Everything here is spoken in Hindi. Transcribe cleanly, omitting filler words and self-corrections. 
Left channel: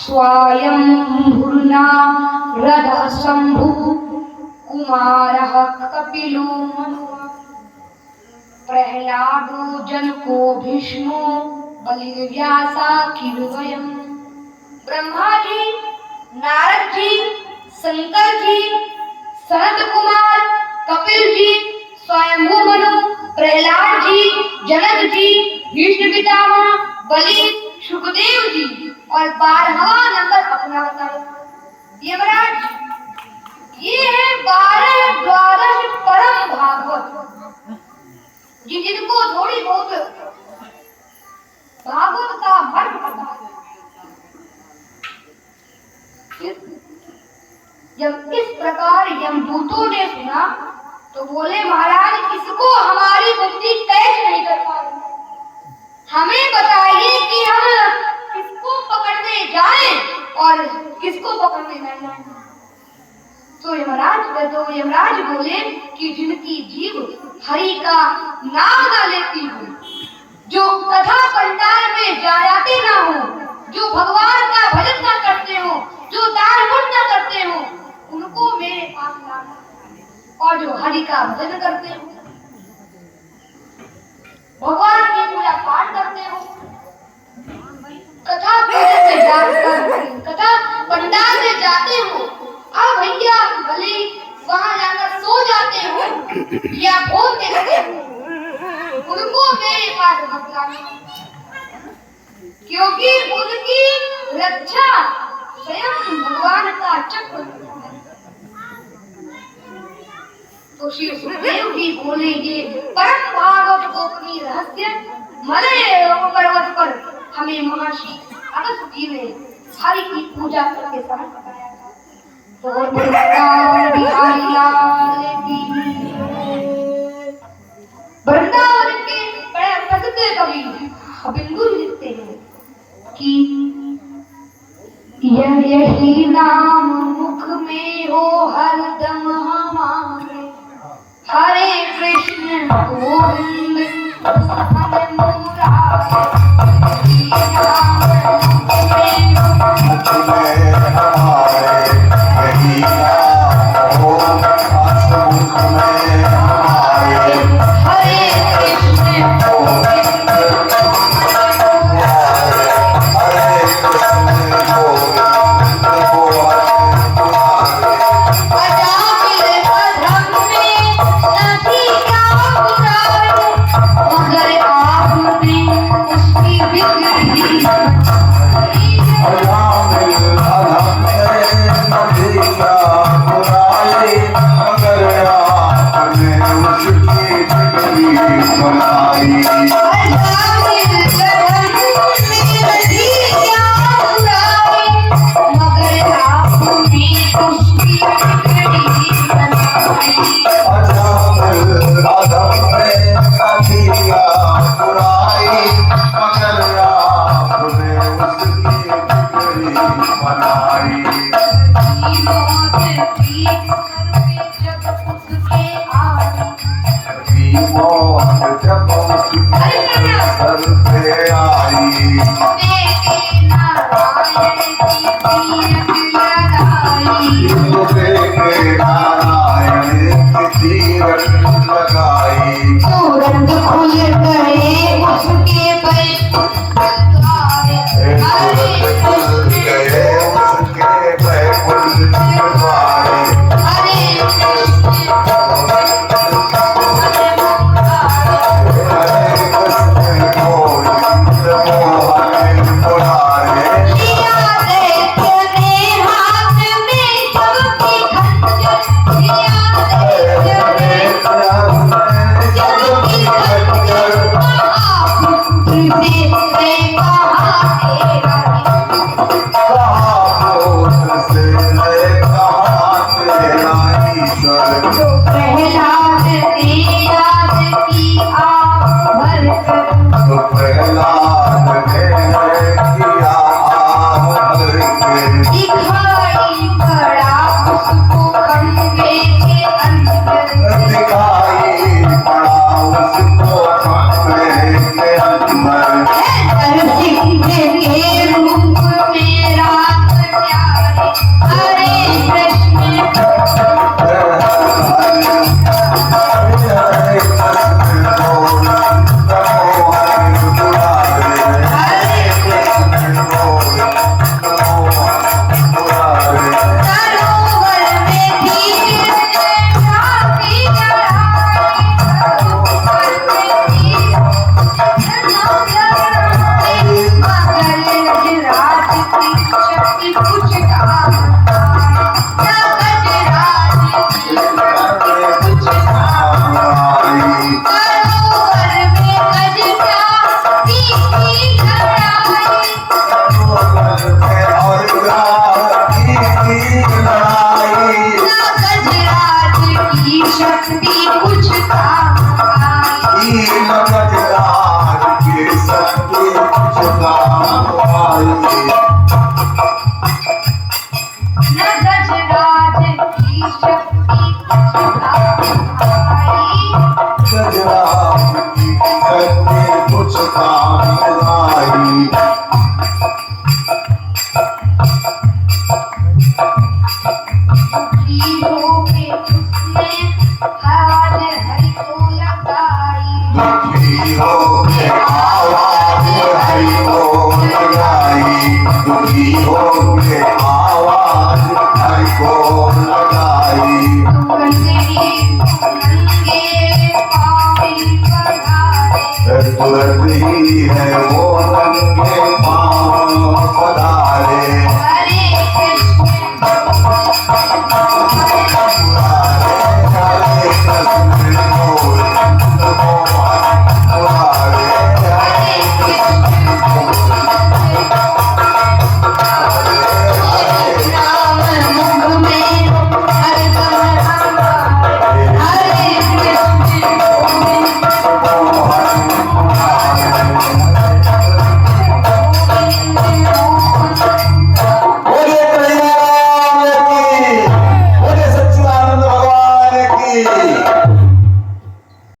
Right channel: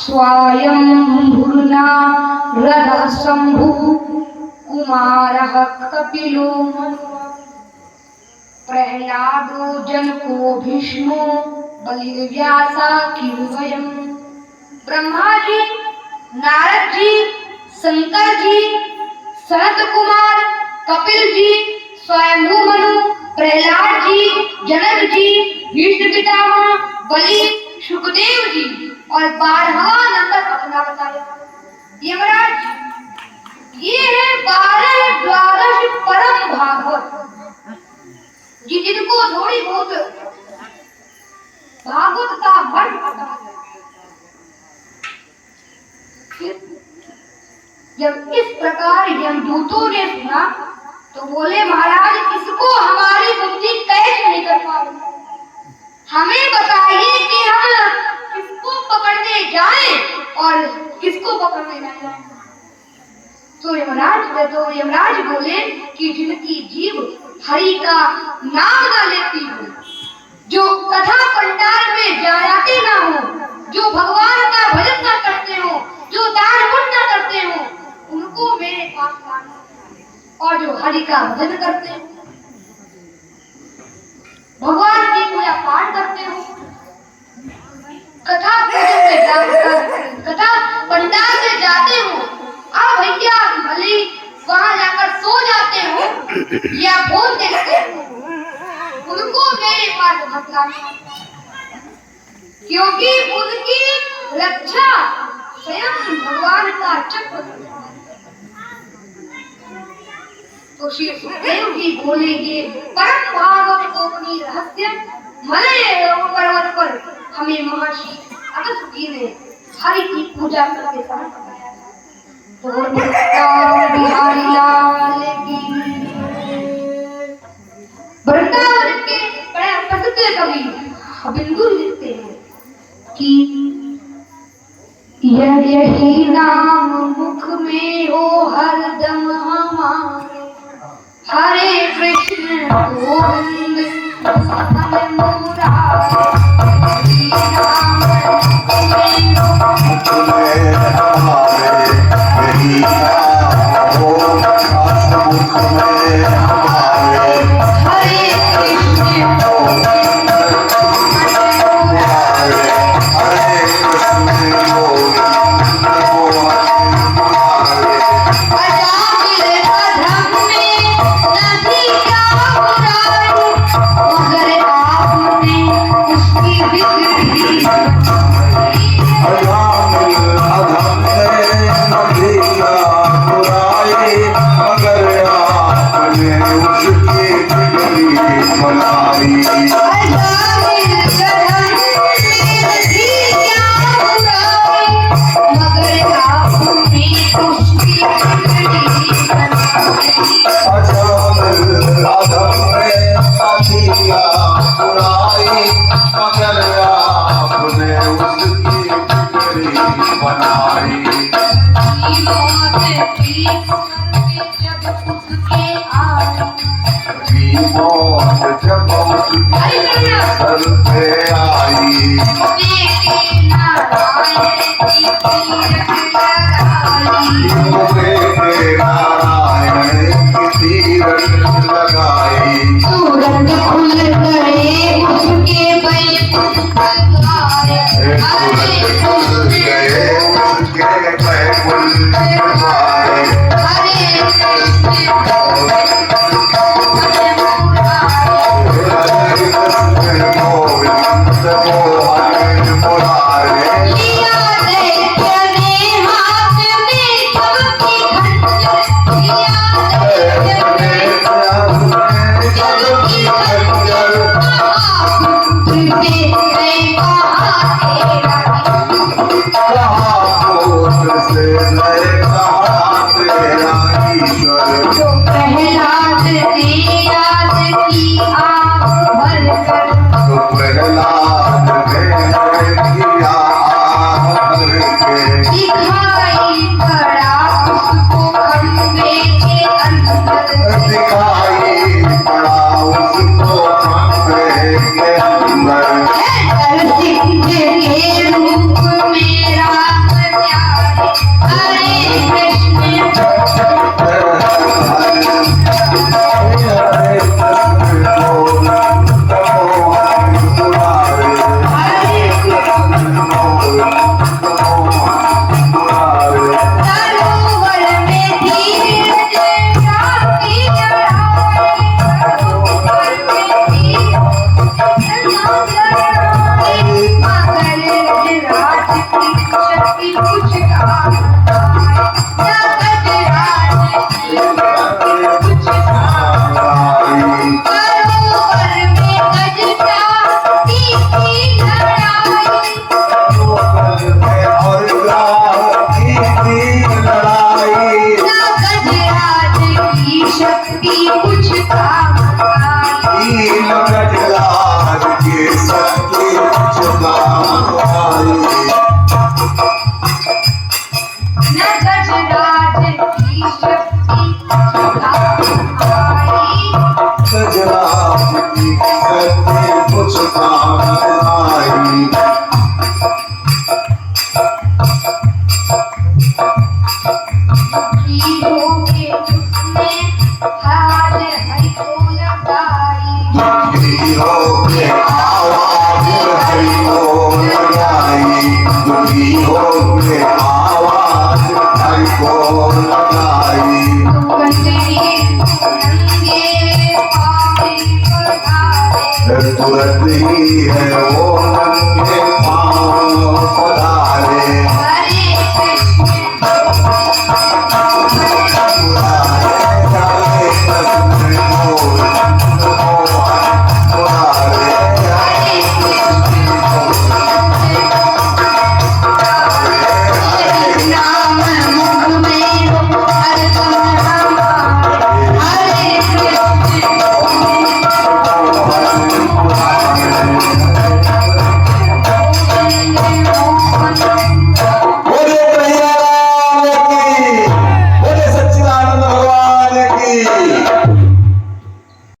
स्वयं भूर्ना रदः शंभु कुमारः कपिलो प्रहलादो जनको भीष्मो बलिर्व्यासा किरुवयम्। ब्रह्मा जी, नारद जी, शंकर जी, सनत कुमार, कपिल जी, स्वयंभू मनु, प्रहलाद जी, जनक जी, भीष्म पितामह, बलि, सुखदेव जी और 12वां नंबर अपना बताया। यमराज, ये है 12 द्वादश परम भागवत, जिनको थोड़ी बहुत भागवत का मर्म पता है। जब इस प्रकार यमदूतों ने सुना तो बोले, महाराज किसको हमारी बुद्धि कैच नहीं कर पा रही, हमें बताइए कि हम किसको पकड़ने जाएं और किसको पकड़ने न जाएं। तो यमराज बोले कि जिनकी जीव हरि का नाम न लेती हो, जो कथा पंडाल में जाते ना हो, जो भगवान का भजन न करते हो, जो दान पुण्य न करते हो, उनको मेरे पास लाना, और जो हरि का भजन करते हो, भगवान की पूजा पाठ करते हो, कथा पंडाल से जाते हो, अब भैया भले वहां जाकर सो जाते हो या फोन देखते हो, उनको मेरे पास मत लाना, क्योंकि उनकी रक्षा स्वयं भगवान का चक्र। तो श्री सुखदेव जी बोले, ये परम भागवत गोपनीय रहस्य मलय पर्वत पर हमें महर्षि अगस्त्य जी ने हरि की पूजा करके समय बताया था। तो बिहारी लाल की वृंदावन के बड़े प्रसिद्ध कवि बिंदु लिखते हैं कि यही नाम मुख में हो हरदम हमारे, हरे कृष्ण गोविंद हरे मुरारे, शक्ति कुछ काम न गजराज की शक्ति कुछ काम सरोवर में गजरा की लड़ाई और लड़ाई न गजराज की शक्ति कुछ काम आई गजराज की शक्ति छुपाई न गजराज की शक्ति कुछ काम आई गजराज की शक्ति कुछ काम आई दुखी होके उसने हाल हरि को लगाई दुखी होके आवाज हरि को लगाई दुखी होके आवाज हरि को लगाई नंगे पावे पधारे तुरंत ही है वो